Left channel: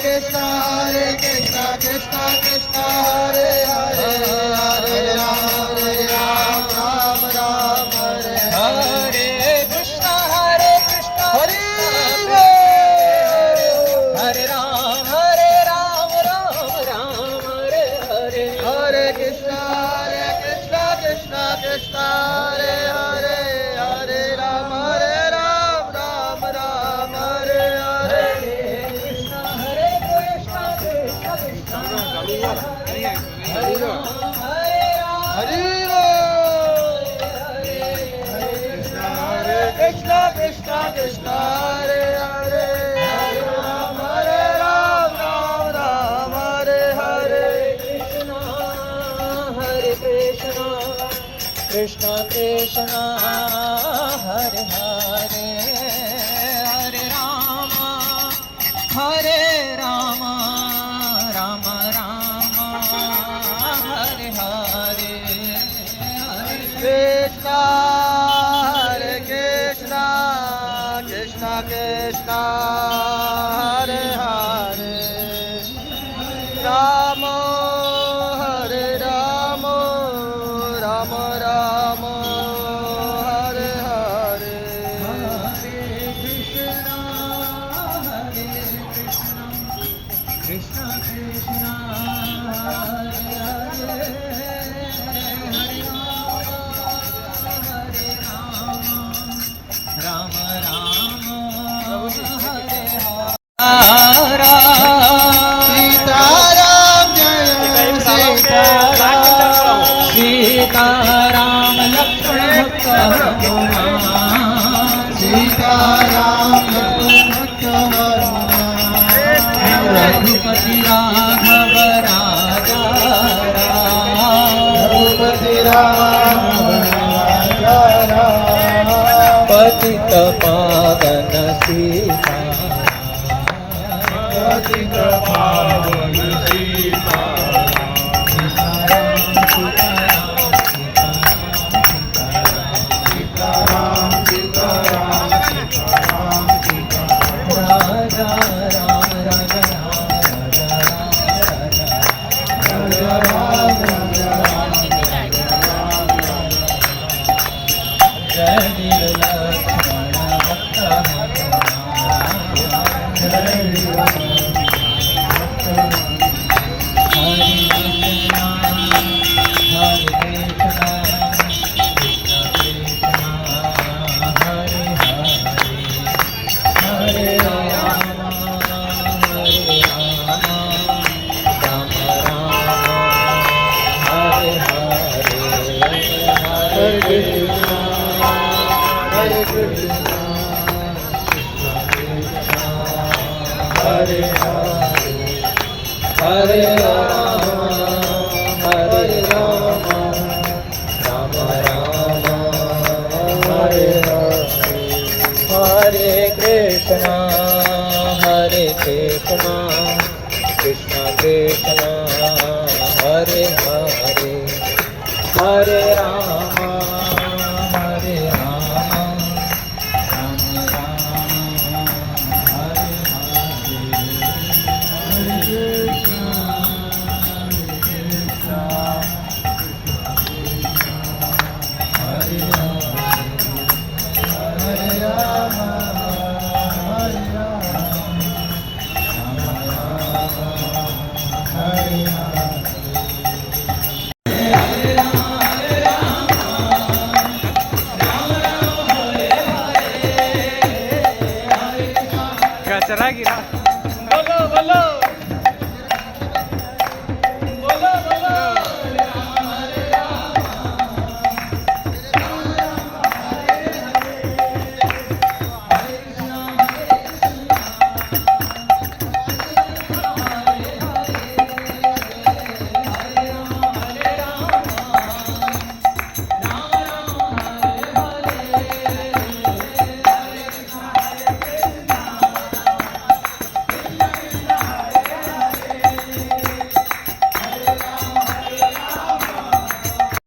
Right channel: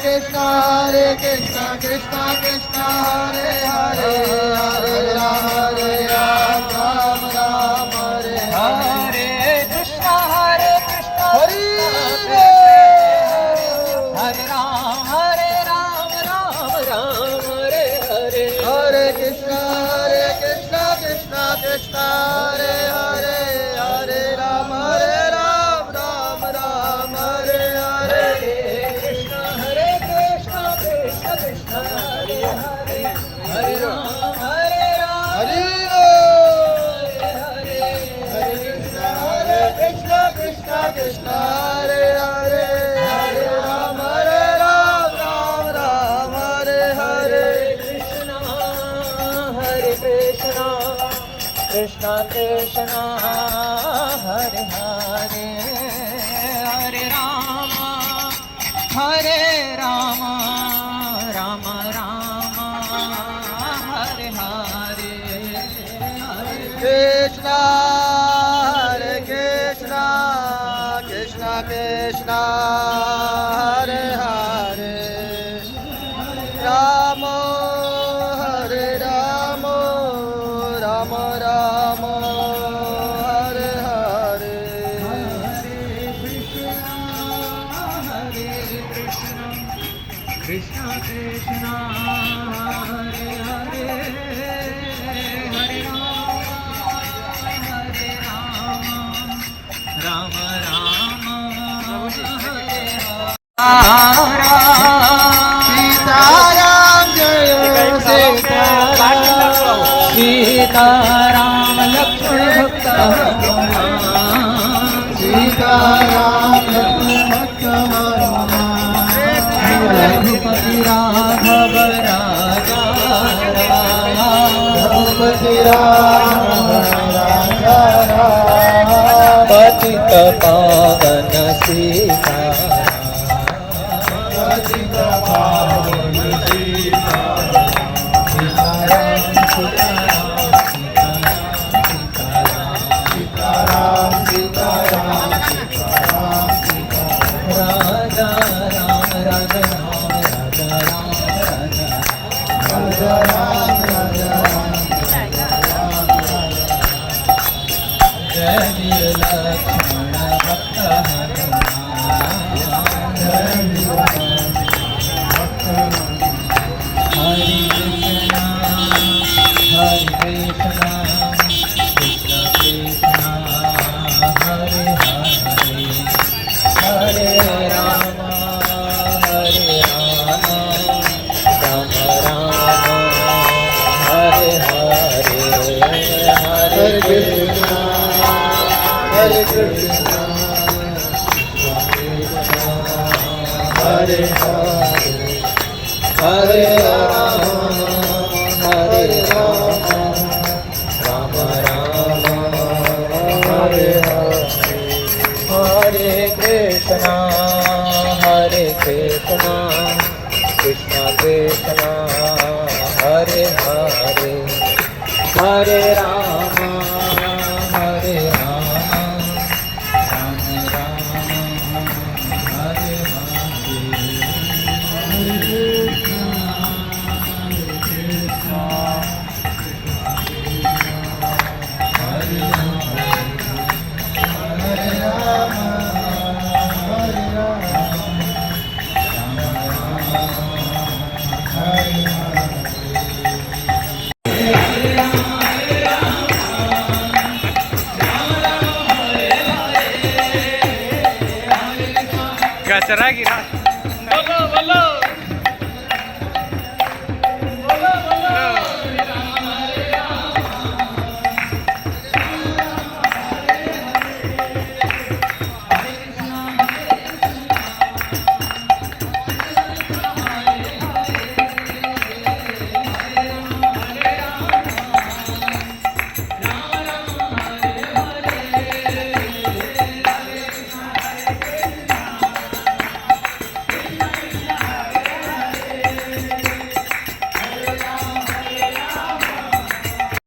Krishna Krishna Krishna Hare Hare Hare Ram Ram Ram Hare Hare Krishna Hare Hare Ram Ram Hare Hare Hare Krishna Krishna Krishna Hare Hare Hare Ram Ram Hare Hare Krishna Krishna Krishna Hare Hare Krishna Krishna Krishna Hare Hare Hare Ram Ram Hare Hare Krishna Krishna Krishna Hare Hare Hare Rama Rama Hare Hare Krishna Krishna Krishna Krishna Hare Hare Rama Hare Rama Rama Rama Hare Hare Krishna Krishna Hare Hare Rama Rama Hare Sitaram Jaya Sitaram Sitaram Sitaram Raghupati Raghav Raja Raghupati Raghav Raja Patita Pavan Sita Patita Pavan Sita Sitaram Sitaram Raja Ram Raja Raja Hare Krishna Hare Krishna Hare Hare Hare Rama Hare Rama Rama Rama Hare Hare Hare Krishna Krishna Krishna Hare Hare Hare Rama Hare Rama Rama Rama Hare Gachará,